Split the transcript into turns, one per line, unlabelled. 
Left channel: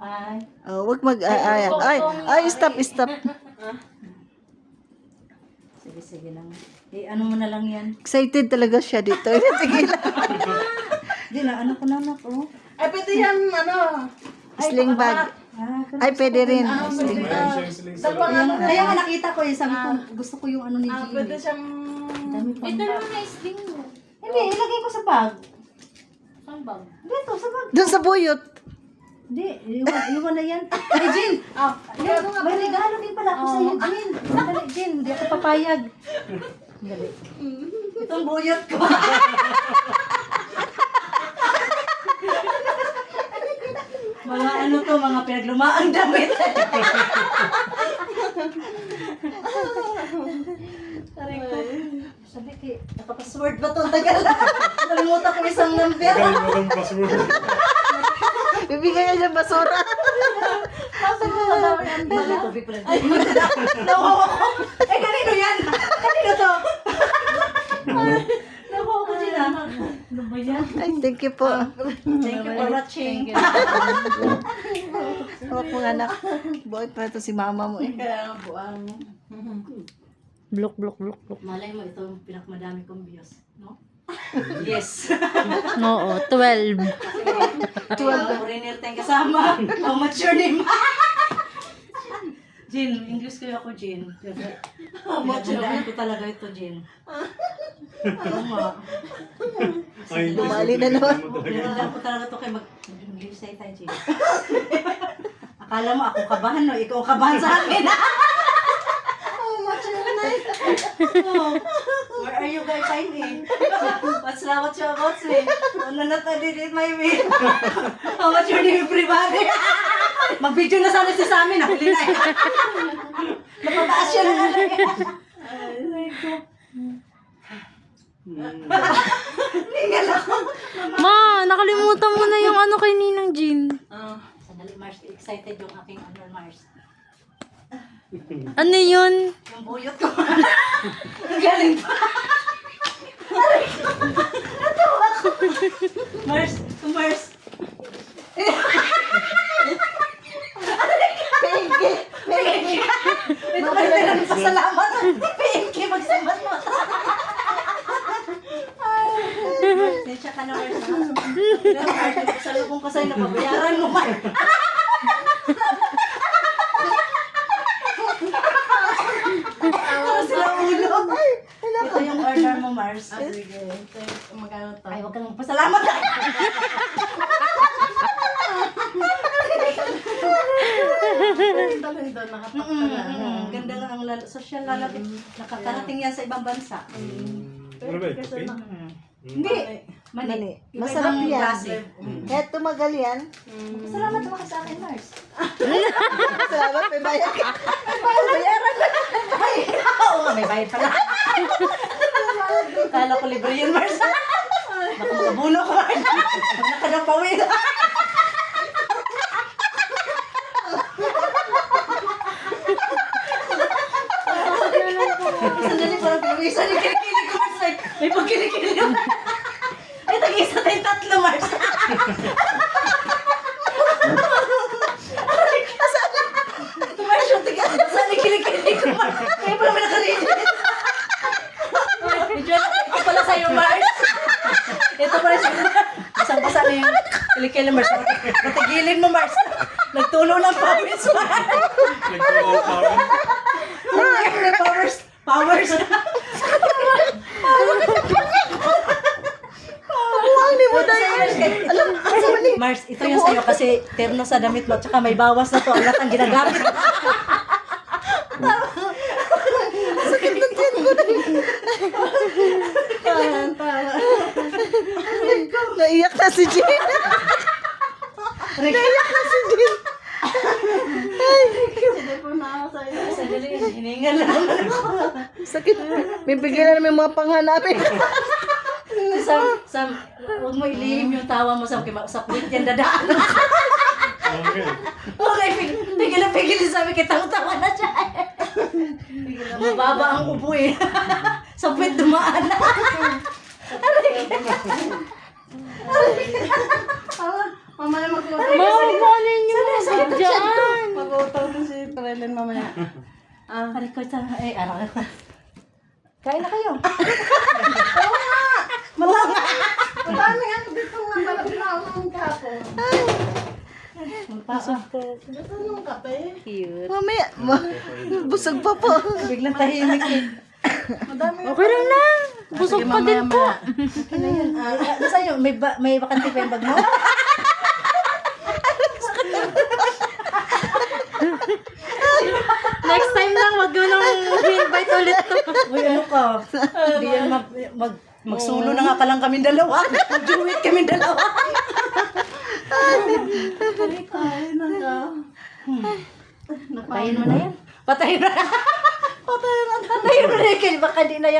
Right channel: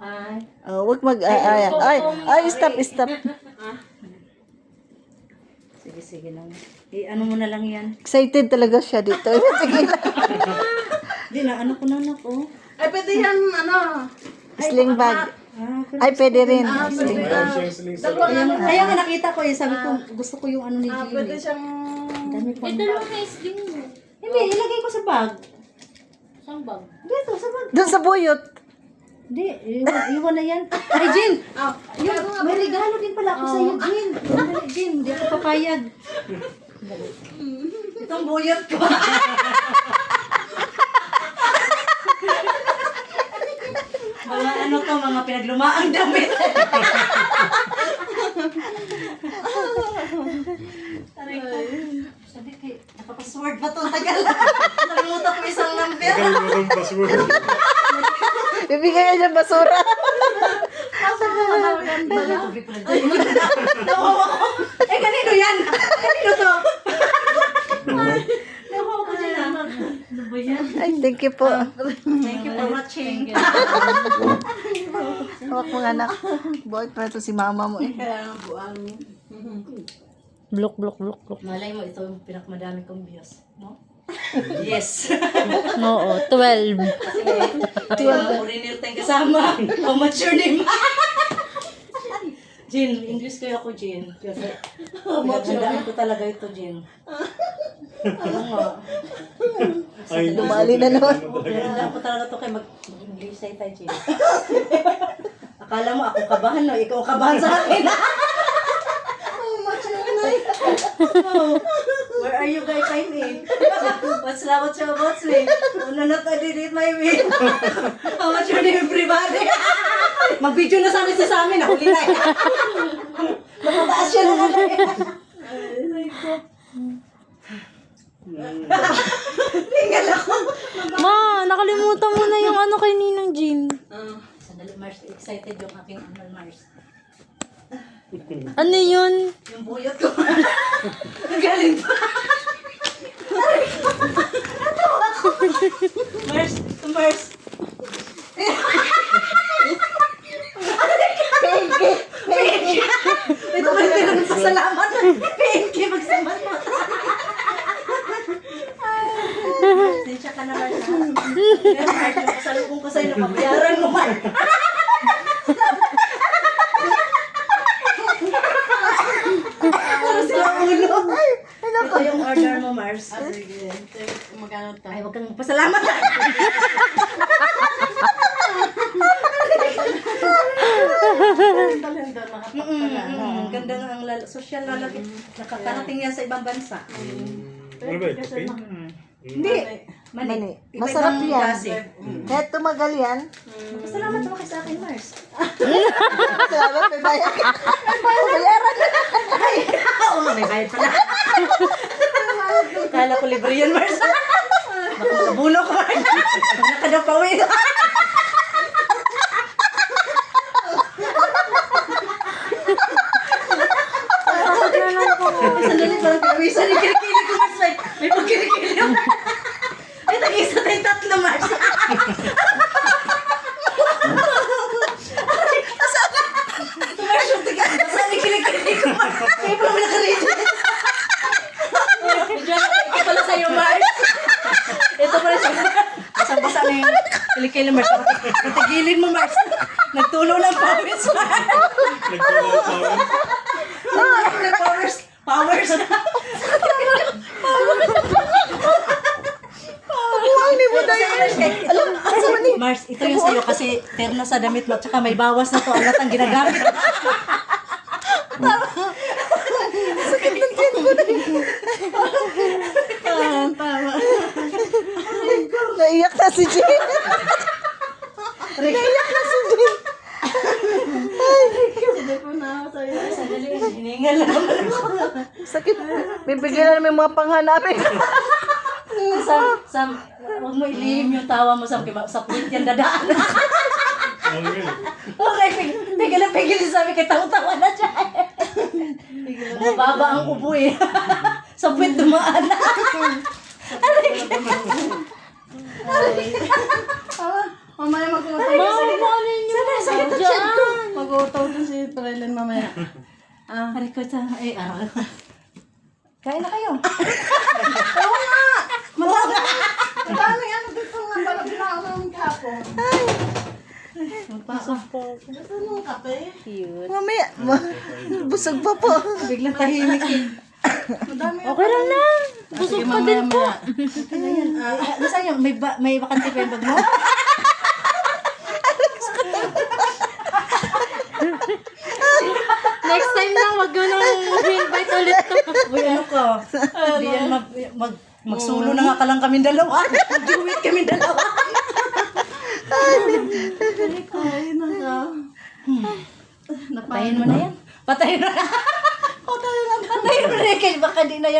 Ay.
Oh, wag mag stop.
Sige lang. Ano mo na lang yan.
Excited talaga siya dito. Sige lang.
Hindi na, ano ko na po.
Ay, pwede yan,
Sling bag. Ay, pwede rin. Sling bag.
Kaya nga nakita ko eh, sabi ko, gusto ko yung ano ni Jimmy.
pwede siyang...
Dami pa.
Ito lang na sling mo.
Hindi, ilagay ko sa bag.
Saan bag?
Dito, sa bag.
Doon sa buyot.
Hindi, iwan na yan. Ay, Jin! May regalo din pala ako sa'yo, Jin. Dali, Jin. Hindi ka papayag. Dali. Itong buyot ko. Mga ano to, mga pinaglumaang damit. Taray ko. Sabi kay, nakapasword ba to? Tagal. Nakalimutan ko isang number.
Kalimutan password.
Bibigyan niya ng basura.
Bala, tubig pala dyan. Nawawa ko. Eh, kanino yan? Kanino to? Nawawa ko dyan ah. Ano ba yan?
Ay, thank you po.
Thank you for watching.
Hawak mo anak. Buhay pa ito si mama mo eh.
Kaya nga buwan mo.
Blok.
Malay mo, ito yung pinakamadami kong views. No? Yes.
Oo, 12.
12. Orinil tayong kasama. How much your name? Jin, English kayo ako, Jin. How much your name ko talaga ito, Jin. Ano nga?
Dumali na naman.
Pinandaan ko talaga ito kay mag-English tayo, Jin. Akala mo ako kabahan, no? Ikaw kabahan sa akin. How much your name? Where are you guys? I'm me. What's you about me? Una not I did it my way. How much your name, everybody? Mag-video na sa amin. Nahuli na eh. Napataas yun na Ay, ko. Tinggal ako.
Ma, nakalimutan mo na yung ano kay Ninang Jean.
Sandali, Mars. Excited yung aking ano, Mars.
Ano yun?
Yung buyot ko. Ang galing pa. Natawa ko. Mars, Mars. PNK. Ito ba yung pasalamat? PNK, magsamat mo. Sensya ka na, Mars. Mars, salubong ka sa'yo, napabayaran mo, Mars. Ito yung order mo, Mars.
Sige. Magkano to?
Ay, huwag kang magpasalamat.
Talento, nakapagpala.
Ang ganda ng social lalapit. Nakatarating yan sa ibang bansa.
Ano ba ito? Pink?
Hindi.
Mani.
Iba
Masarap
ibang
yan.
klase.
Kahit tumagal yan.
Salamat mo ka sa akin, Mars.
Salamat, may bayad ka. Bayaran na.
Oo nga, may bayad pala. Kala ko libre yan, Mars. Baka mabuno ka, Mars. Nakadapawi. Sandali, parang pinawisan yung kilikili ko, Mars. May pagkilikili naman. Ay, tag-isa tayong tatlo, Mars. Mars, yung tiga. Saan yung kilikili ko, Mars? May parang nakarin. Medyo nakikita pala sa'yo, Mars. Ito, Mars. Basang-basa na yung kilikili, Mars. Itigilin mo, Mars. Nagtulo ng pawis, Mars. Powers. Powers.
Buwang ni mo na yun. Alam, asa man ni?
Mars, ito yung sa'yo kasi terno sa damit mo at saka may bawas na to. Ang lahat ang ginagamit.
Sakit ng tiyan ko na yun. Naiyak na si Jean. Naiyak na si Jean.
Sandali, hiningal lang ako.
Sakit. Bibigyan na namin mga panghanapin.
Huwag mo ilihim yung tawa mo sa plit yan dadaan.
Okay.
Okay, pigil sabi kita tawa na siya. Mababa ang ubo eh. Sa puwit dumaan na.
Mamaya magkuha.
Mama, paano yun?
Trailer mamaya.
Hari ko sa, ano. Kain na kayo.
Madami ano dito nga pala pinakaw namin kahapon.
Magpasok po.
Ito yung kape.
Cute. Mamaya, busog pa po.
Biglang tahimik eh.
Madami.
Okay lang na.
Busog pa din po.
Basta nyo, may bakante pa yung bag mo?
Next time lang, wag mo nang invite ulit to.
Uy, ano ka? Hindi yan magsulo na nga ka lang kami dalawa. Mag-duet kami dalawa.
Kain na ka.
Patayin mo na yan. Patayin mo na. Patayin mo na yan. Baka di na yan